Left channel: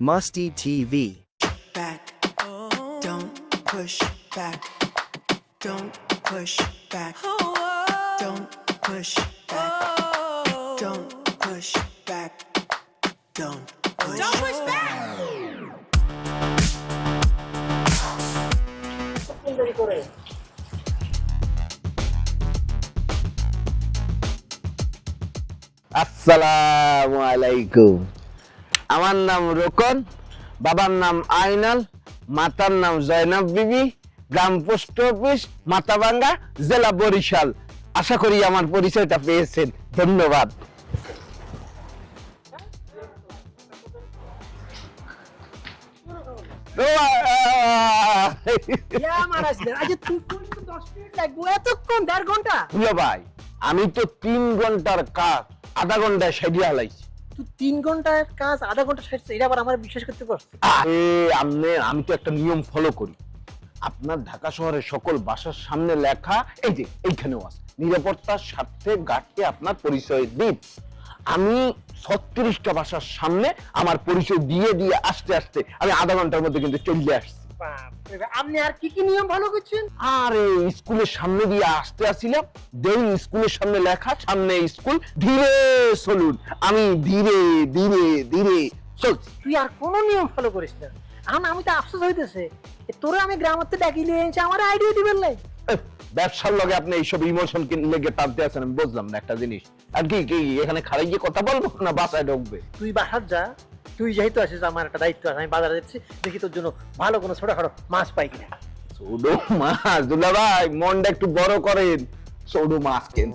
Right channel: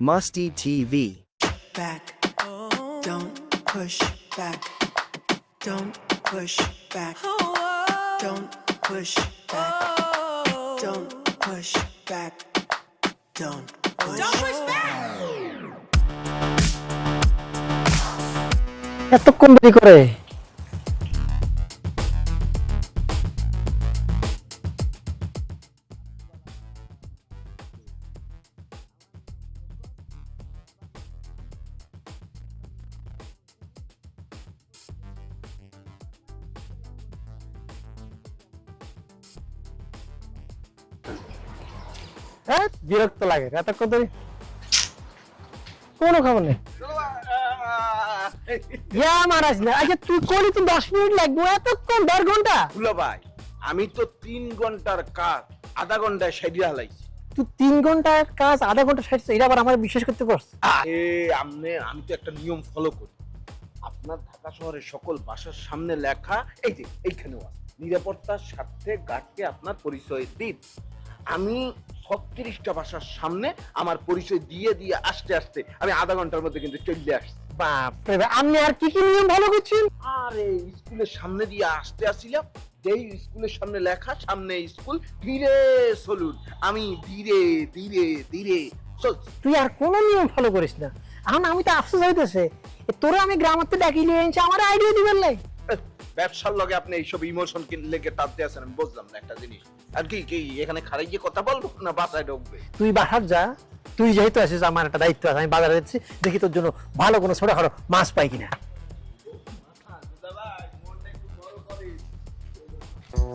Musty TV. back. Don't push back. Don't push back. Don't push back. Don't push back. Don't push Don't push back. এতক্ষণ দেরি করে আসসালামু আলাইকুম আমার নাম রোকন বাবার নাম আইনাল মাতার নাম জয়নাব বিবি গ্রাম পোস্ট অফিস মাথাভাঙ্গা জেলা বরিশাল। আশা করি আমার পরিচয়টা পেয়েছেন। ধন্যবাদ। হ্যাঁ বিরক্ত লাগে এতক্ষণ কোনো খবর নেই। মারাজ না আচ্ছা তুই কলি তো দশ মিনিট লাগবে এতক্ষণ দেড় ঘণ্টা? ভাই আমি তো তিন ঘণ্টার কাজ আধা ঘন্টায় সাইডিয়া হালাইছি তুই তিন ঘণ্টার কাজ, আধা ঘণ্টা শেষ এটা আবার আমার বিশ্বাস করতে আমনে আমি তো একটা নিয়ম ফলো করি। আপনার ঢাকা শহরের সকল বাসার সামনে লেখা, এই যে, এইখানেও আছে। নিরাপত্তার স্বার্থে গার্ডকে আপনার পরিচয় দিন। আমি ছত্রিশটা বাসার সামনে আমার পরিচয় দিয়ে দিয়ে আসতে আসতে, আমি আধা ঘণ্টার মধ্যে কিন্তু চলে আসছি। বাপ, আপনি আর কি কি নিয়ম ভালো করছেন? আরে স্কুলের সামনে দিয়ে আসতে আসিলাম দেই স্কুলের সামনে লেখা সামনে স্কুল ধীরে চলুন। আমি ধীরে ধীরে ধীরে চলছি। তুই আর কোনো নিয়ম ফলো করিস না। আমি তো আফসোস হইতেছে। তোরে আমি গ্রামাতে ডাকি নিয়ে এনেছি আমার আইডিয়া দিবেন নাই। ব্যবসার লগে আপনি এইসব ইমোশন লেগে টানতে আছেন আমি বুঝলাম না একটা জিনিস। আর কি কি এখানে খারাই কথা বলব না বাসায় ঢুকবে? তুই বাসার যা। তুই যেহেতু আছিস আমার একটা দায়িত্ব আছে আমি বাজারে যাচ্ছি দেখি তোর জন্য ভালো কোনো ছোটখাটো মাছ পাই কিনা। ছোট মাছ? দুলা ভাই মনটা একটু বড় করেন। ছোট মাছ কেন?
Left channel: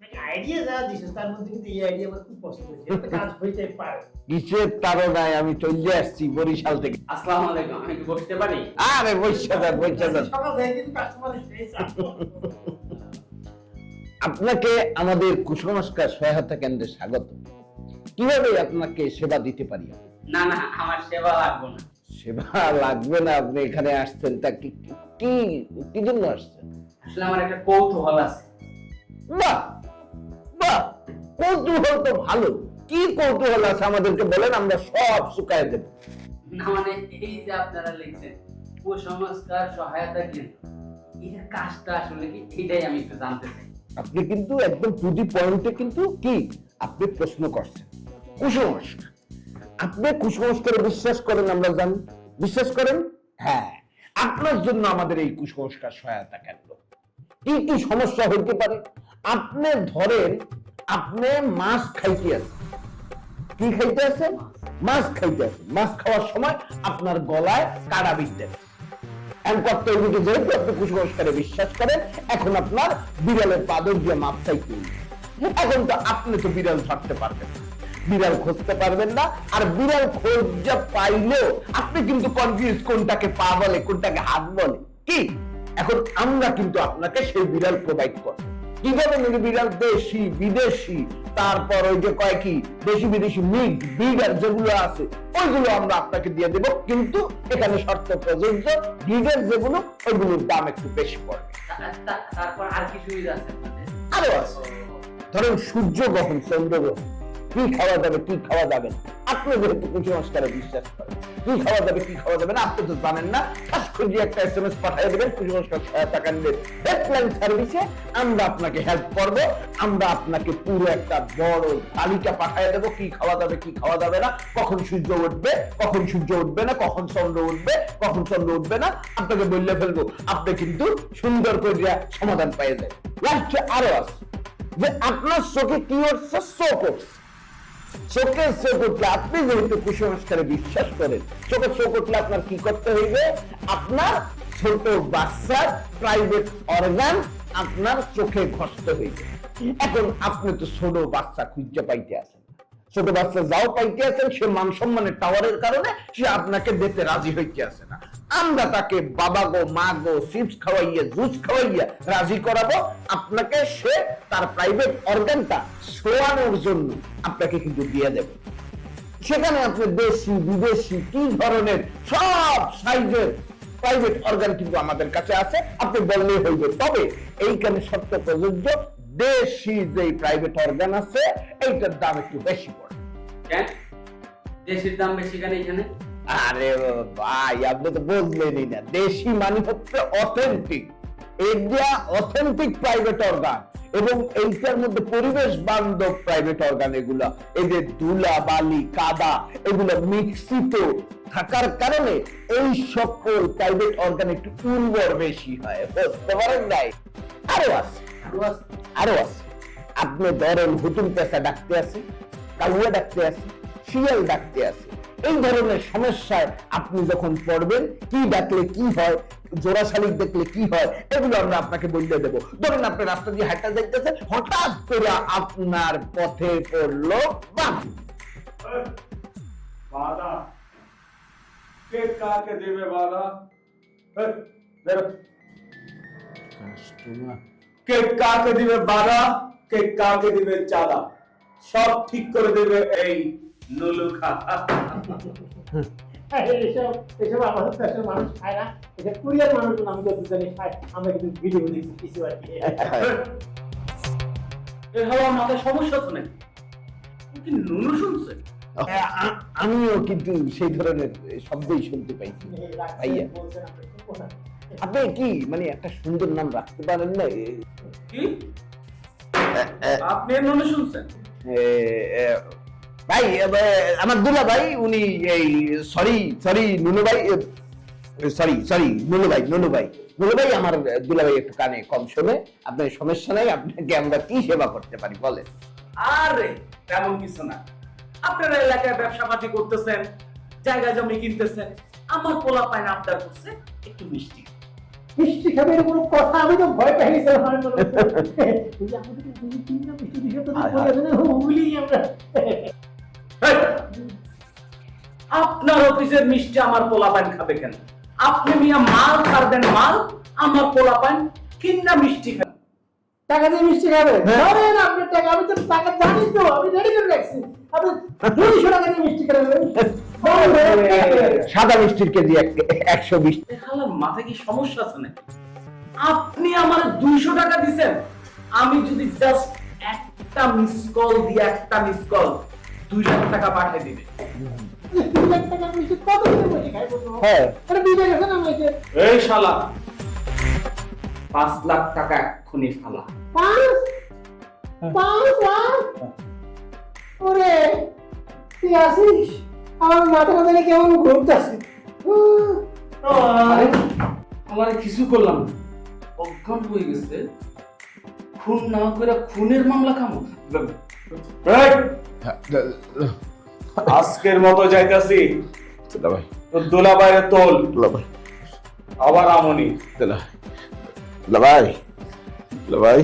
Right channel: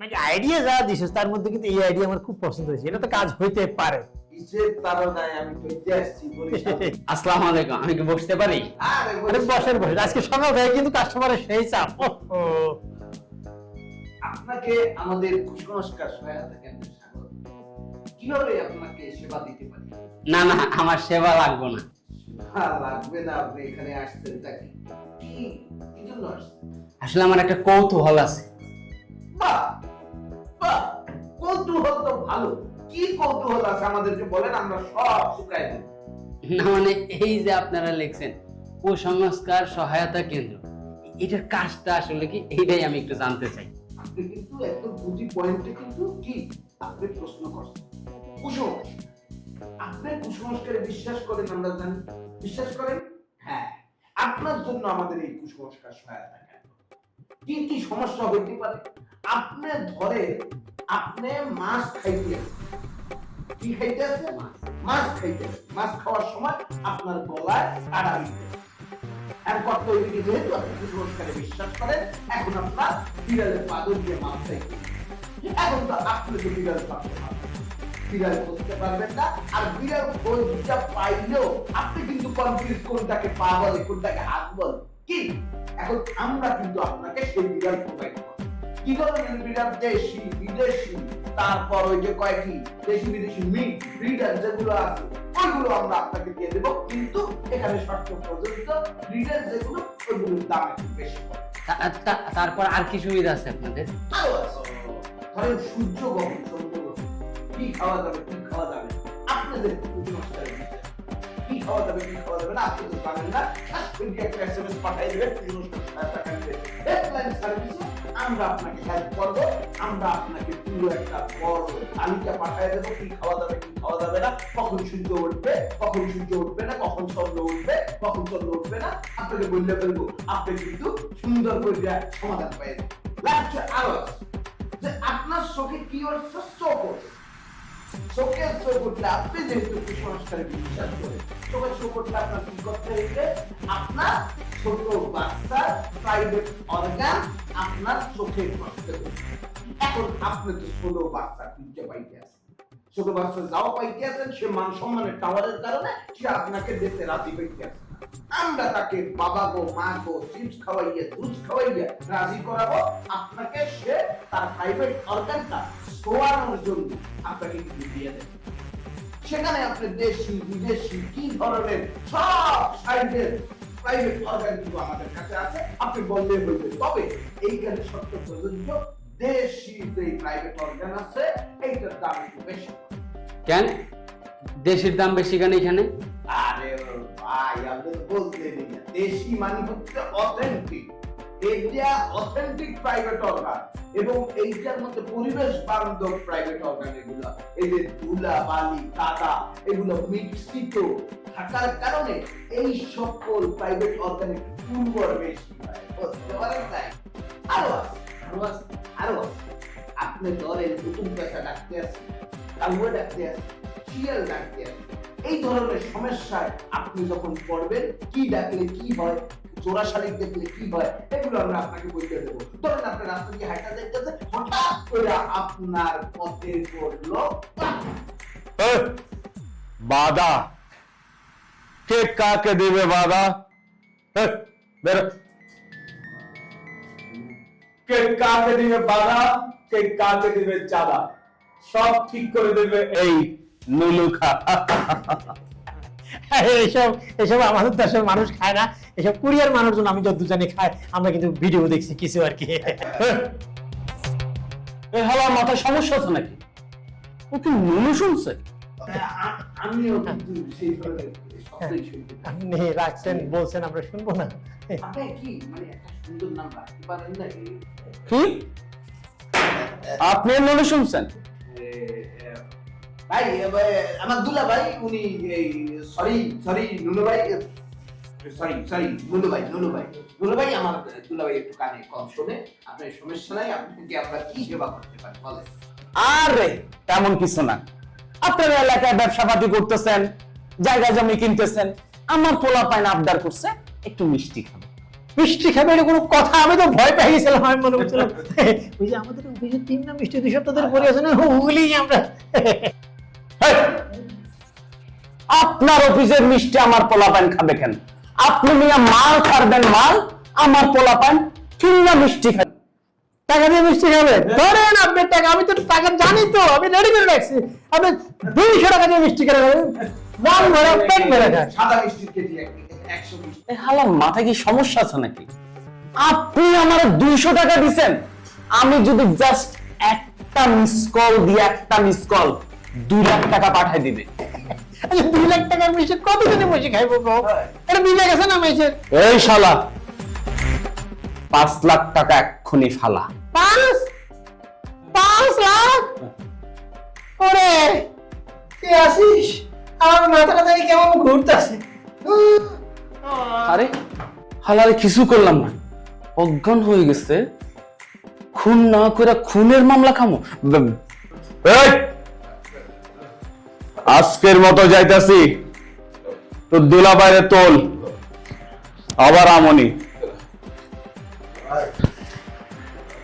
মানে আইডিয়া যা দিছিস তার মধ্যে কিন্তু এই আইডিয়া আমার খুব পছন্দ হয়েছে। এটা তো কাজ হইতে পারে। কিসের তারনায় আমি চলে আসছি বরিশাল থেকে। আসসালামু আলাইকুম আমি কি বসতে পারি? আরে বসেন, বসেন। আজকে বরিশাল সকাল থেকে কিন্তু কাস্টমারের সেই চাপ। আপনাকে আমাদের কুসংস্কার সহায়তা কেন্দ্রে স্বাগত। কীভাবে আপনাকে সেবা দিতে পারি? না না আমার সেবা লাগবে না। সেবা লাগবে না আপনি এখানে আসছেন তা কি কি কি জন্য আসছেন? আসলে আমার একটা কৌতূহল আছে। বাহ বাহ কৌতূহল তো ভালো। কি কৌতূহল আছে আমাদেরকে বলেন আমরা সব শুকায় দেব। না মানে এই যে আপনারা লিখছেন কুসংস্কার সহায়তা কেন্দ্র এটার কাজটা আসলে কি? এইটাই আমি একটু জানতে চাই। আপনি কিন্তু একদম টুদি পয়েন্টে কিন্তু কি? আপনি প্রশ্ন করছেন। কুসংস্কার। আপনি কুসংস্কারে বিশ্বাস করেন আমরা জানি। বিশ্বাস করেন? হ্যাঁ। আপনার জন্য আমাদের এই কুসংস্কার সহায়তা কেন্দ্র কি কি সমস্যা হইতে পারে? আপনি ধরেন আপনি মাছ খাইতে আছেন কি খাইতে আছে মাছ। খাইতে আছে মাছ খাওয়ার সময় আপনার গলায় কাটা বিদ্যে যেহেতু আপনি কুসংস্কারে বিশ্বাস করেন। এখন আপনার বিড়ালের পাদর দিয়ে কি? এখন তো আপনি তো বিড়াল ছাড়তে পারবেন বিড়াল খুঁজতে পারবেন না। আর বিড়াল খোঁজা পাইলেও আপনি কিন্তু কনফিউজ কোনটাকে পা বলে, কোনটাকে হাত বলে। কি? এখন আমরা কিন্তু আপনাকে সেই বিড়াল প্রোভাইড করব। কি ধরনের বিড়াল দেশি বিদেশি তারপর ওই যে কয় কি দেশি বিদেশি মিট বিড়াল যেগুলো আছে ওইগুলো আমরা আপনাকে দিয়ে দেব। কিন্তু এখানে শর্ত প্রযোজ্য বিড়াল যেগুলো ওইগুলোর দাম একটু বেশি পড়ে তারপর আর কি সুবিধা আছে আপনাদের? আরও আছে। ধরেন সূর্য গ্রহণ চন্দ্র গ্রহণ কি খাওয়া যাবে কি খাওয়া যাবে না। কুসংস্কারে বিশ্বাস করেন। কি খাওয়া যাবে কি খাওয়া যাবে না আপনি তো জানেন না। খাস করে একটা এসএমএস পাঠিয়ে দেবেন কুসংস্কার হেল্পলাইন সার্ভিসে আমরা আপনাকে হেল্প করব, আমরা আপনাকে পুরো একটা বড় তালিকা পাঠিয়ে দেবো, কি খাওয়া যাবে কি খাওয়া যাবে না, কখন সূর্য উঠবে, কখন সূর্য উঠবে না, কখন চন্দ্র উঠবে, কখন চন্দ্র উঠবে না, আপনাকে বললে ফেলব আপনি কিন্তু সুন্দর করে সমাধান পেয়ে যায় লাগছে আরও আছে, যে আপনার চোখে কি হচ্ছে? চোখ চোখে চোখ উঠলে আপনি যেহেতু কুসংস্কারে বিশ্বাস করেন চোখে চোখ উঠলে আপনার কি করতে হইবে? আপনার ছোট বাচ্চার প্রাইভেট অর্গান আপনার চোখে ঘটতে হইবে। এখন আপনি তো ছোট বাচ্চা খুঁজে পাইতে আছেন। ছোট বাচ্চা যাও পাইতে আছেন সে মান সম্মানের টাওয়ারের কারণে সে আপনাকে দিতে রাজি হইতে আছে না। আমরা তাকে বাবা গো, মা গো, চিপস খাওয়াইয়া, জুস খাওয়াইয়া রাজি করাবো। আপনাকে সে তার প্রাইভেট অর্গানটা শোয়ানোর জন্য আপনাকে কিন্তু দিয়ে দেবে। সেখানে আপনি দেশি, বিদেশি, কি ধরনের সব সাইজের প্রাইভেট অর্গান কিন্তু আমাদের কাছে আছে। আপনি বললেই হইবে। তবে এইখানে সত্য প্রযোজ্য দেশি যে প্রাইভেট অর্গান আছে এইটার দাম একটু বেশি পড়ে। কেন? দেশের দাম বেশি কেন এখানে? আরে ভাই আপনি তো বুঝলেনই না। দেশি মানে হচ্ছে অথেন্টিক এইটা অথেন্টিক প্রাইভেট অর্গান এবং এইটার মধ্যে পরিবেশ বান্ধব প্রাইভেট অর্গান এগুলা। এই যে ধুলা বালি কাদা এগুলো মিক্সিত থাকার কারণে এই সকল প্রাইভেট অর্গান একটু উর্বর বেশি হয়। বুঝতে পারেন নাই? আরও আছে। আরও আছে আপনি ধরেন হুতুম পেশা ডাকতে আছে কাউয়া ডাকতে আছে শিয়াল ডাকতে আছে এই ধরনের সমস্যায় আপনি যখন পড়বেন কি ডাকলে কি হয় জোড়া শালিক দেখলে কি হয় এগুলো আমরা আপনাকে বলতে দেবো। ধরেন আপনি রাস্তা দিয়ে হাঁটা যাইতেছেন হঠাৎ করে আপনার পথে পড়ল। বাধা। কে কাকে দেবে বাধা? বেরো। কে কাকে দিবে বাধা কে কাকে দিবে চাঁদা? সব ঠিক করে দেবে এই নুলুখা। এসব এসব আমাদের দেশের মানুষ খায় না এসব কুরিয়ার মানুষজন আমি যত জানি খায় আমরা কিন্তু ভিডিও দেখছি কিছু আর কি। আমার মাথায় সমস্যা আছে নাকি? ও কি নুনু শুনছে? আমিও কিন্তু সেই ধরনের শব্দই শুনতে পাই। রাখছেন বলছেন আমরা শুনব না। আপনি কি মানে একটা সুন্দর নাম রাখতে পারেন না? কি? আপনি নুনু শুনছেন? ভাই আমার দুলা ভাই উনি এই সরি সরি নুনু ভাই সরি সরি নুনু ভাই নুনু ভাই। নুনু ভাই আমার দুলা ভাই একটু কানে কম শোনে আপনার সমস্যা নাই আপনাকে আমরা কি সেবা করতে পারি বলেন। আরে তেমন কিছু না। আপনার এলাকায় ব্যবসা পাতি করতেছেন জায়গা জমি কিনতেছেন আমার পোলা পাইন আবদার করছে একটু মিষ্টি মিষ্টি খাবে এটা কোনো কথা আমি তো ভয় পেয়ে গেছিলাম আমি মনে করছিলাম ওই যে আমাদের অফিসে তিন না মিষ্টি দুই সপ্তাহ ধরে পড়ে আছে না ওগুলি আমরা। আপনার অফিসের মিষ্টি আমার পোলা পাইন খাবে কেন? আপনি মিয়া মাল ছাড়বেন মাল আমার পোলা পাইন কিনা মিষ্টি খাবে। টাকা দিয়ে মিষ্টি খাবে। ধরেন আপনার টাকা আমি তো টাকা জানি তো আমি রেডি করে রাখছি। আপনি দুইশো টাকা দিয়ে মিষ্টি ভরে খান। সাদা মিষ্টির কেজি একশো বিশ। হালার মাথায় কি সমস্যা আছে নাকি? আপনি আমার দুইশো টাকা দিছেন। আমি যদি জাস্ট একটা মিস কল দিয়ে একটা মিস কল দুই লাখ টাকা পাঠাই দিবে। আচ্ছা, দুই লাখ টাকার মিষ্টি কত দিনে বসে খাইবো? হ্যাঁ। এটা বুঝে গেছে না মেয়েছেন এই শালা পাঁচ লাখ টাকা এক্ষুনি ফালা। পাঁচ পাঁচ লাখ ওরে তুই আসিস আমার মাথাটা জানি কেমন ঘুরতেছে। আরে হালারে কিছু করলাম না। অজ্ঞান হয়ে গেছে। খুন না করে খুনের মামলা খামো! আজকের মতো যাইতাছি। তো দোলা বাইরে তোল। আবার আমনি। ভাই। ভাই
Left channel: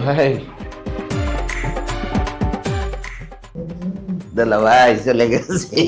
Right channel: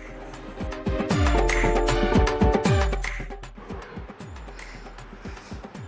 ভাই দুলা ভাই চলে গেছে